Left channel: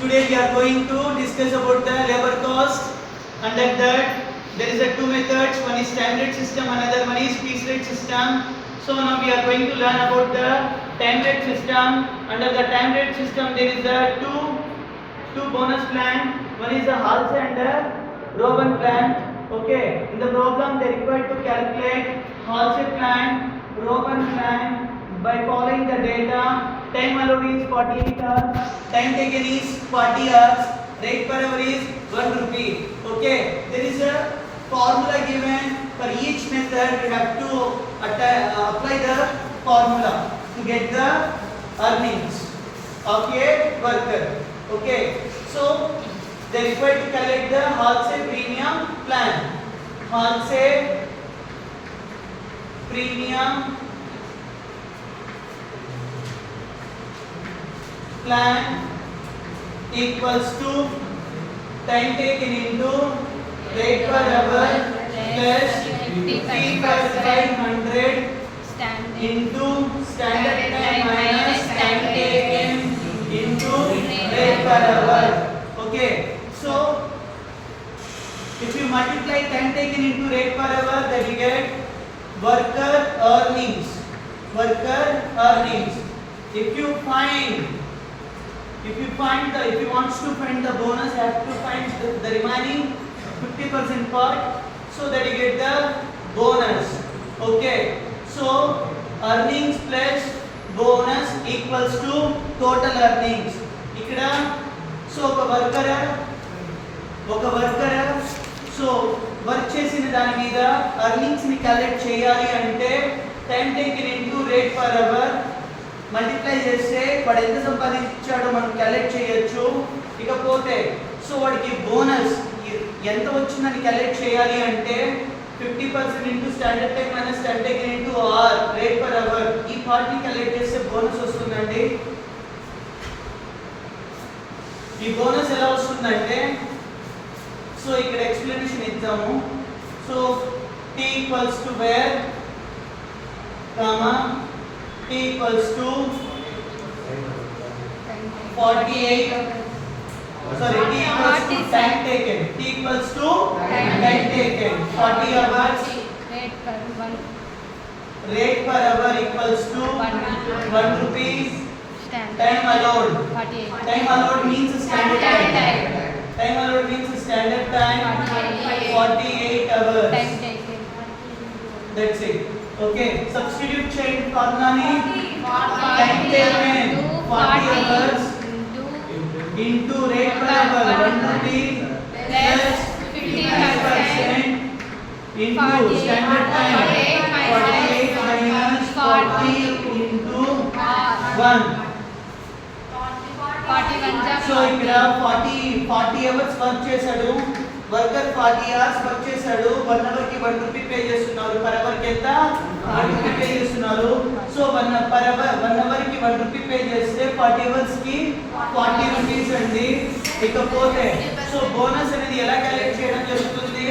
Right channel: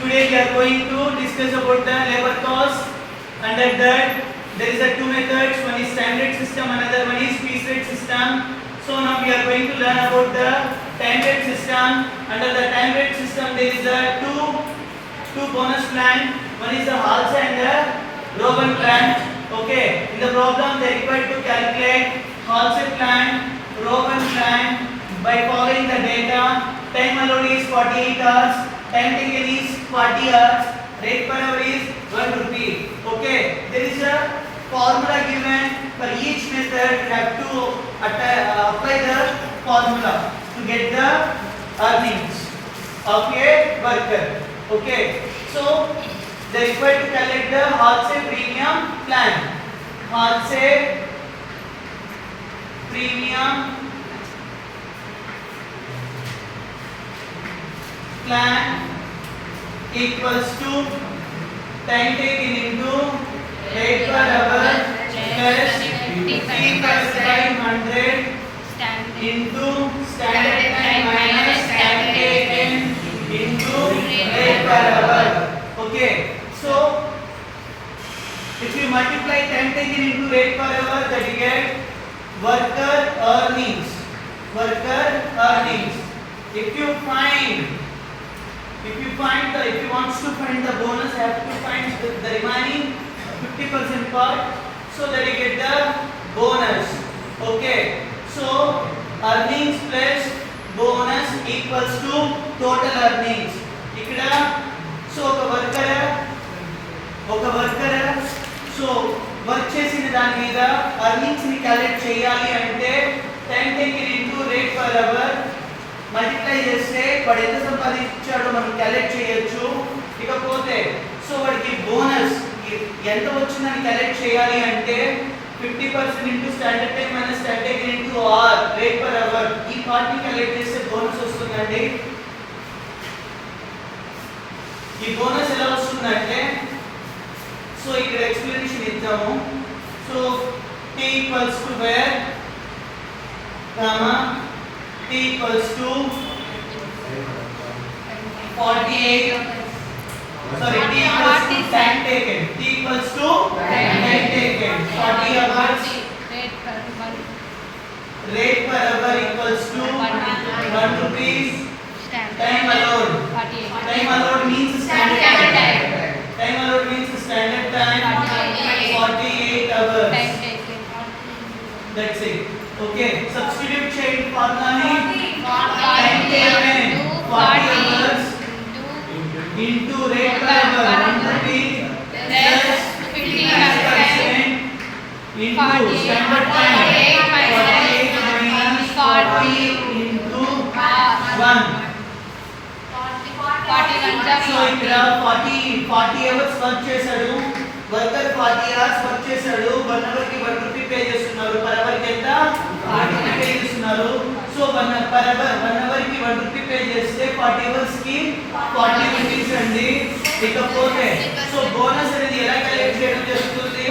Today we are going to discuss about the labor cost. Under that, there is a two methods. One is standard system, another one is piece rate system. So now we are going to learn about the time rate system. Under the time rate system, there is a two bonus plan. One is the Hals and the Rogan plan. Okay. In the problem, they require to calculate Hals plan, Rogan plan by following the data. Time allowed is 48 hours. Time taken is 40 hours. Rate per hour is 1 rupee. Okay. There is a formula given for each method. We have to apply the formula to get the earnings of a worker. Okay. So they require to calculate the Halsey premium plan. Halsey premium plan equals to time taken into rate per hour plus T per 500 into standard time minus time taken into rate per hour. Okay, so if you multiply time taken into rate per hour, that you get worker earnings. Worker earnings. If you want to find the bonus, you have to find the remaining 50% part, so that you get the bonus. Okay, so earnings plus bonus equals to total earnings. Ikkada so oka worker so work చేసిన దాని మీద earnings ని calculate చేయాలి అంటే time taken into rate per hour multiply చేస్తే వాడు ఎంత సంపాదించాడో మనం క్యాలిక్యులేట్ చేయొచ్చు. ఇకపోతే సో వాడికి బోనస్ ఎంత వచ్చిందని క్యాలిక్యులేట్ చేయాలి అంటే 50% into standard time minus time taken into or rate per hour. ఈ పార్ట్ ని క్యాలిక్యులేట్ చేస్తే బోనస్ వస్తుందండి. ఈ బోనస్ ఎలా వస్తుందంటే సో ఇక్కడ ఎక్స్ప్లెనేషన్ ఇద్దాము. So t equals to where t equals to 48 sorry t equals to time taken. T equals to time taken 40 hours. Rate per hour equals to 1 rupees. Time allowed. Time allowed means standard time. Time allowed means standard time 48 hours. That's it. Okay. Substitute change formula ni time taken 40 hours into rate per hour 1 rupee plus 50% into standard time 48 minus 40 into 1. సో ఇక్కడ 40 hours work చేశాడు వర్కర్. 40 hours work చేశాడు. 1 అవర్ కి 1 rupee pay చేస్తున్నారు. Per hour కి ఎంత 1 rupee pay చేస్తున్నారు. సో 1 అవర్ కి 1 rupee pay చేస్తే 40 అవర్స్ కి 40 రూపీస్ అండి. ఇకపోతే సో బోనస్ అనేది ఎలా క్యాలిక్యులేట్ చేయడం జరుగుతుంది?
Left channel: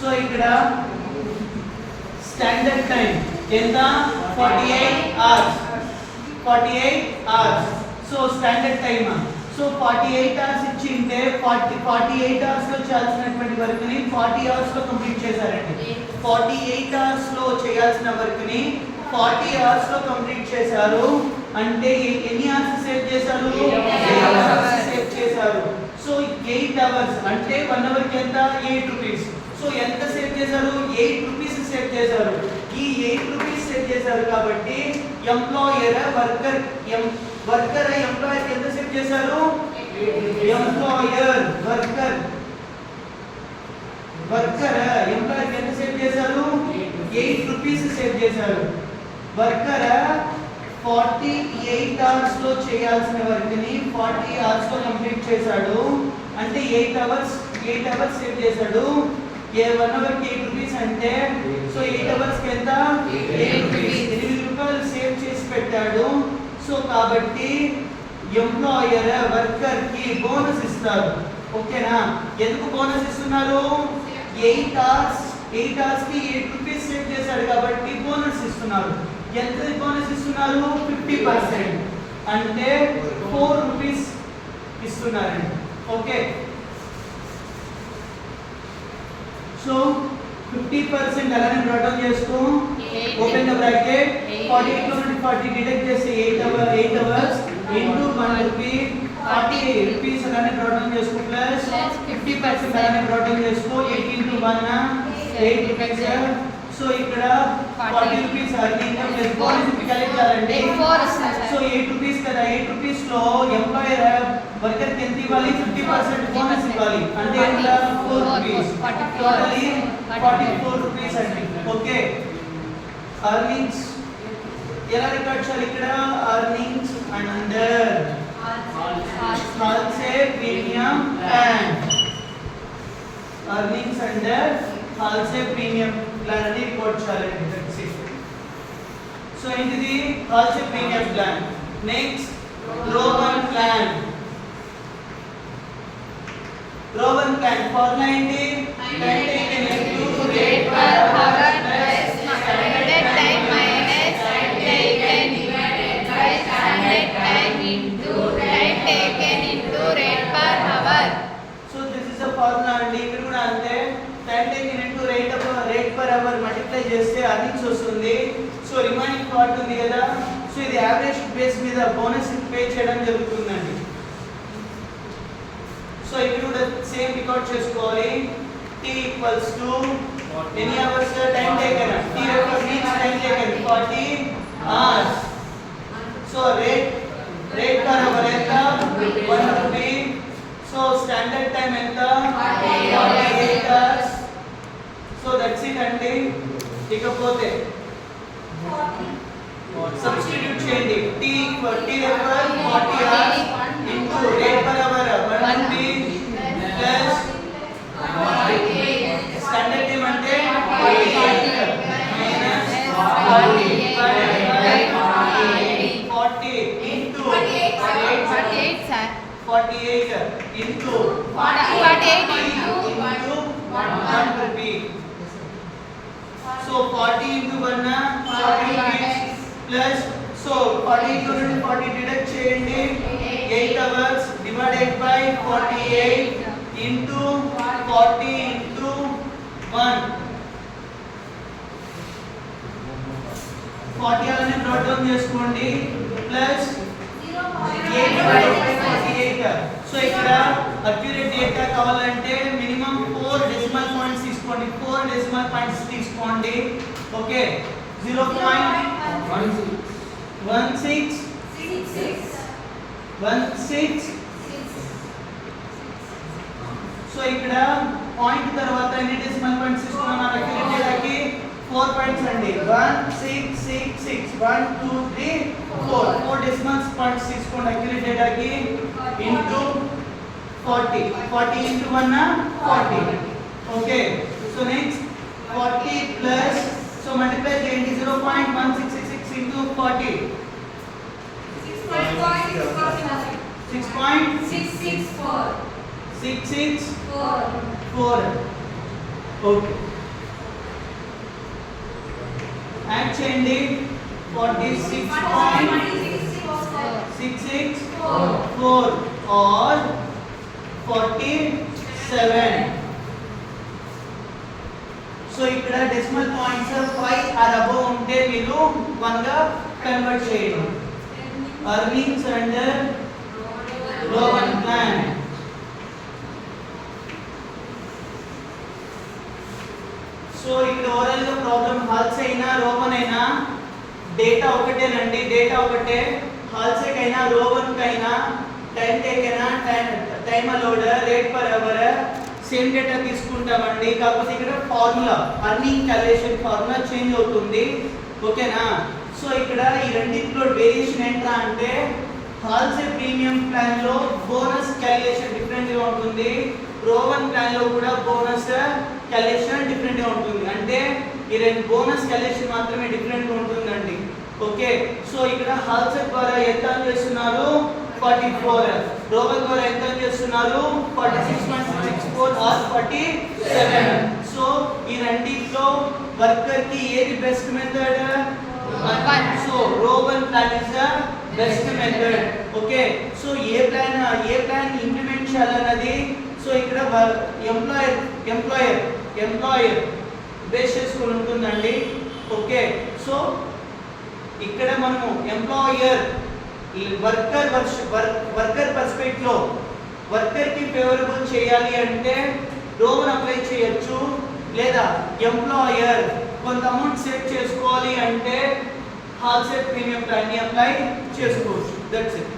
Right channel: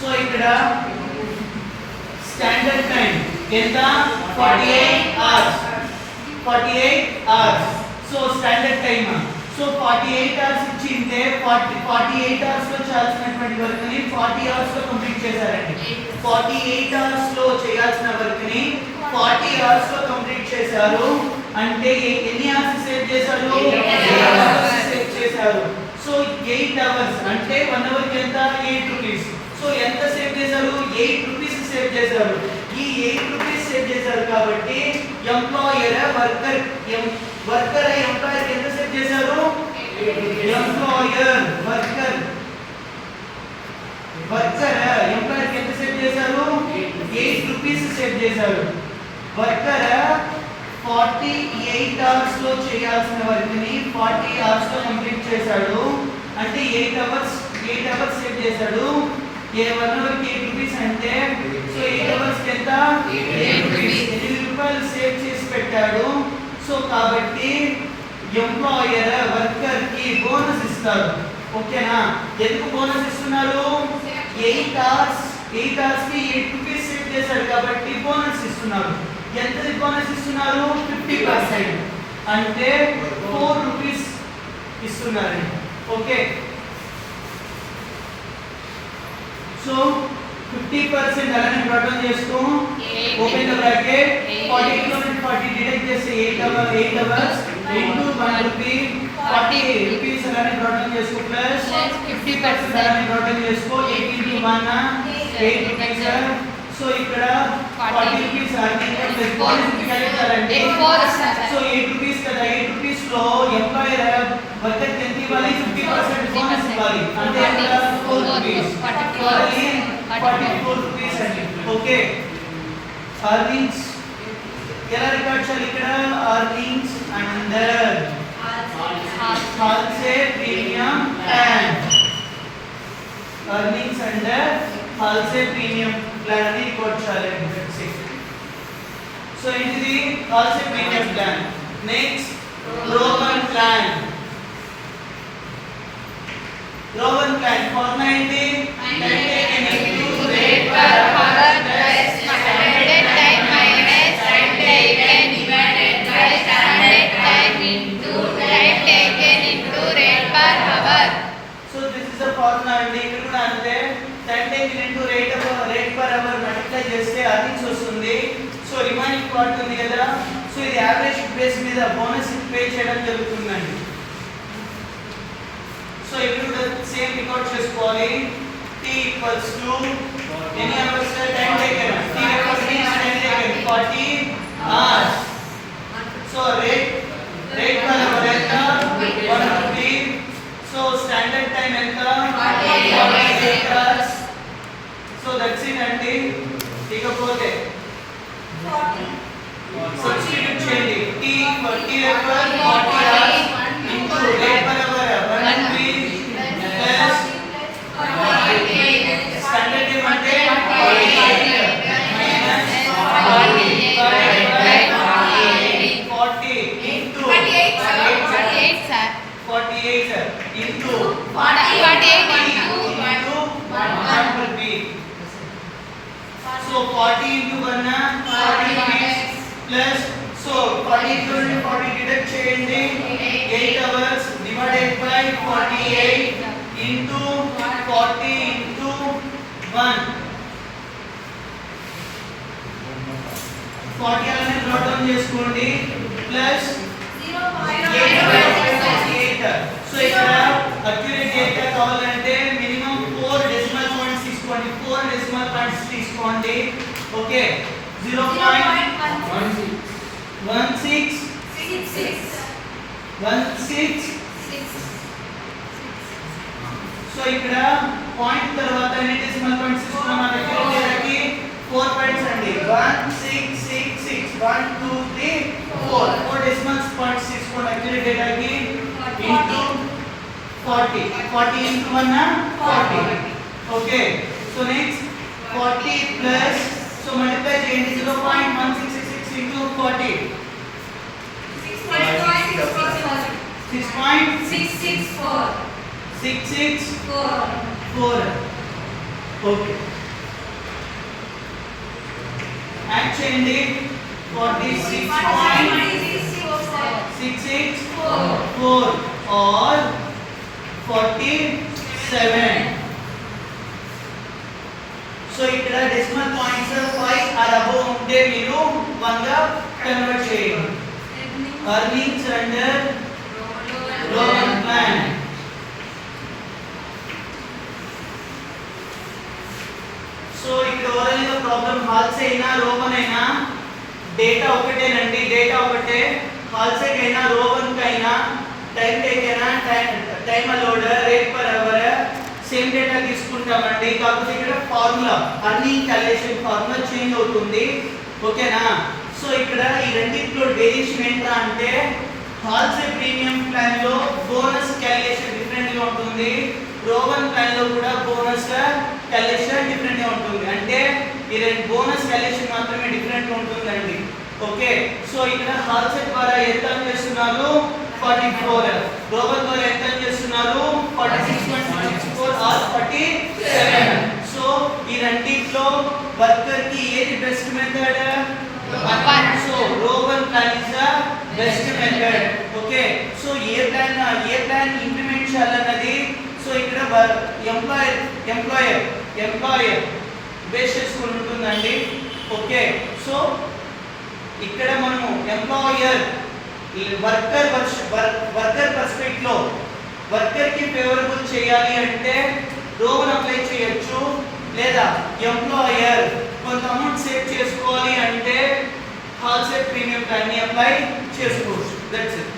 సో ఇక్కడ స్టాండర్డ్ టైం ఎంత 48 hours. So standard time so 48 hours ఇచ్చింటే 48 hours లో చేయాల్సినటువంటి వర్క్ ని 40 hours లో కంప్లీట్ చేశారండి. 48 hours లో చేయాల్సిన వర్క్ ని 40 hours లో కంప్లీట్ చేశారు. అంటే ఎన్ని hours సేవ్ చేశారు? 8 hours సేవ్ చేశారు. సో 8 hours అంటే 1 అవర్ కి ఎంత 8 రూపీస్. సో ఎంత సేవ్ చేశారు? 8 రూపీస్ సేవ్ చేశారు. ఈ 8 రూపీస్ సేవ్ చేశారు కాబట్టి ఎంప్లాయర్ వర్కర్ ఎంప్లాయర్ ఎంత సేవ్ చేశారు? ఎంప్లాయర్ ఎంప్లాయర్ ఎంత సేవ్ చేశారు? 8 రూపీస్ సేవ్ చేశారు. వర్కర్ 48 అవర్స్ లో చేయాల్సిన వర్క్ ని 40 అవర్స్ లో కంప్లీట్ చేశాడు. అంటే 8 అవర్స్ సేవ్ చేశాడు. 1 అవర్ కి 8 రూపీస్ అంటే సో 8 అవర్స్ కి ఎంత 8 రూపీస్ 8 రూపాయలు సేవ్ చేసి పెట్టాడు. సో కాబట్టి ఎంప్లాయర్ వర్కర్ కి బోనస్ ఇస్తారు. ఓకేనా? ఎందుకు బోనస్ ఇస్తున్నారు? 8 hours కి 8 రూపీస్ సేవ్ చేశాడు కాబట్టి బోనస్ ఇస్తున్నారు. ఎంత బోనస్ ఇస్తున్నారు 50%, అంటే 4 రూపీస్ ఇస్తున్నారండి. ఓకే, సో 50% అలానే డ్రాట్ డౌన్ చేస్తూ ఓపెన్ ద బ్రాకెట్ 40 నుంచి 40 డిడక్ట్ చేస్తే 8 అవర్స్ ఇంటూ 1 రూపీ 40 రూపీస్ అలానే డ్రాట్ డౌన్ చేసుకో ప్లస్ 50% అలానే డ్రాట్ డౌన్ చేసుకో 8 into 1 8 రూపీస్. సో ఇక్కడ 40 rupees earning plus bonus calculate చేయాలంటే సో 8 రూపీస్ కదా, 8 రూపీస్ లో ఎంప్లాయర్ వర్కర్ కి ఎంత ఇవ్వాలి 50% బోనస్ ఇవ్వాలి, అంటే ఎంత 4 రూపీస్, టోటల్లీ 44 రూపీస్ అండి. ఓకే, అర్నింగ్స్ ఎలా రికార్డ్ చేయాలి ఇక్కడ, earnings under Halsey premium plan, earnings under Halsey premium plan అని రికార్డ్ చేయాలి. సో ఏంటిది Halsey premium plan. Next Rowan plan. Rowan plan formula ఏంటి, time taken into rate per hour plus standard time minus time taken divided by standard time into time taken into rate per hour. So this is the formula అండి. ఇక్కడ కూడా అంతే, time taken into rate per hour multiply చేస్తే earnings వస్తుంది. So remaining part ఉంది కదా, so ఇది average base మీద బోనస్ పే చేయడం జరుగుతుందండి. సో ఇప్పుడు కూడా సేమ్ రికార్డ్ చేసుకోవాలి. t equals to ఎన్ని hours time taken, t equals to time taken 40 hours. So rate per hour ఎంత 1 రూపీ. సో స్టాండర్డ్ టైం ఎంత 48 hours. సో దట్స్ ఇట్ అండి. ఇకపోతే సబ్స్టిట్యూట్ చేయండి, t equal t equal 40 hours into rate per hour 1 rupee plus standard time అంటే 48 minus 40 into 48 into 1 rupee. So 40 into 1 40 rupees plus, so 40 into 40 deduct చేయండి 8 hours divided by 48 into 40 into 1 40 అలానే note down చేసుకోండి plus 8/48. So ఇక్కడ accurate data కావాలంటే minimum 4 decimal points తీసుకోండి, 4 decimal points తీసుకోండి. Okay, 0.16. So ఇక్కడ point తర్వాత ఎన్ని డెసిమల్ పాయింట్స్ తీసుకోవాలి అక్యురేట్ డేటాకి 4 పాయింట్స్ అండి. 1666 1 2 3 4 డెసిమల్ పాయింట్స్ తీసుకోండి అక్యురేట్ డేటాకి into 40 into 1 40. Okay, so next 40 plus, so multiply చేయండి 0.1666 into 40 6.664. ఓకే, యాడ్ చేయండి 46.664 or 47. సో ఇక్కడ డెసిమల్ పాయింట్స్ 5 ఆర్ అబోవ్ ఉంటే మీరు 1 గా కన్వర్ట్ చేయండి. Earnings under Rowan plan. So ఇక్కడ ఓవరాల్ గా ప్రాబ్లం హాల్సే అయినా రోవన్ అయినా డేటా ఒకటేనండి, డేటా ఒకటే. హాల్సే కైనా రోవన్ కైనా టైం టేకెనా time loader rate per hour same data తీసుకుంటామండి. కాకపోతే ఇక్కడ formula earning calculation formula change అవుతుంది. ఓకేనా, సో ఇక్కడ ఈ రెండింటిలో వేరియేషన్ ఎంత అంటే హాల్సే ప్రీమియం ప్లాన్ లో బోనస్ క్యాలిక్యులేషన్ డిఫరెంట్ గా ఉంటుంది, రోవన్ ప్లాన్ లో కూడా బోనస్ క్యాలిక్యులేషన్ డిఫరెంట్ గా ఉంటుంది. అంటే ఈ రెండు బోనస్ క్యాలిక్యులేషన్ మాత్రమే డిఫరెంట్ గా ఉంటుందండి. ఓకే, సో ఇక్కడ హాల్సే ద్వారా ఎంత చేస్తున్నారు 44, రోవన్ ద్వారా ఎంత చేస్తున్నారు 46.64 or 47. సో ఈ రెండిట్లో వర్కర్ కి ఏది best method, So row 1 plan is the best method. Okay. So A plan implement చేయాలన్నది సో ఇక్కడ ఎంప్లాయర్ బేస్ చేసుకొని ఉంటుందండి. ఓకే. సో ఇక్కడ మనము ఎంప్లాయర్ వర్కర్ పర్స్పెక్టివ్ లో వర్కర్ కి ఫేవరబుల్ చేయాలి అంటే రోవన్ అప్లై చేయొచ్చు, లేదా ఎంప్లాయర్ కొంత అమౌంట్ సేవ్ చేసుకోవాలి అంటే హాల్ సెట్ ప్రీమియం ప్లాన్ ని అప్లై చేసుకోవచ్చు. That's it.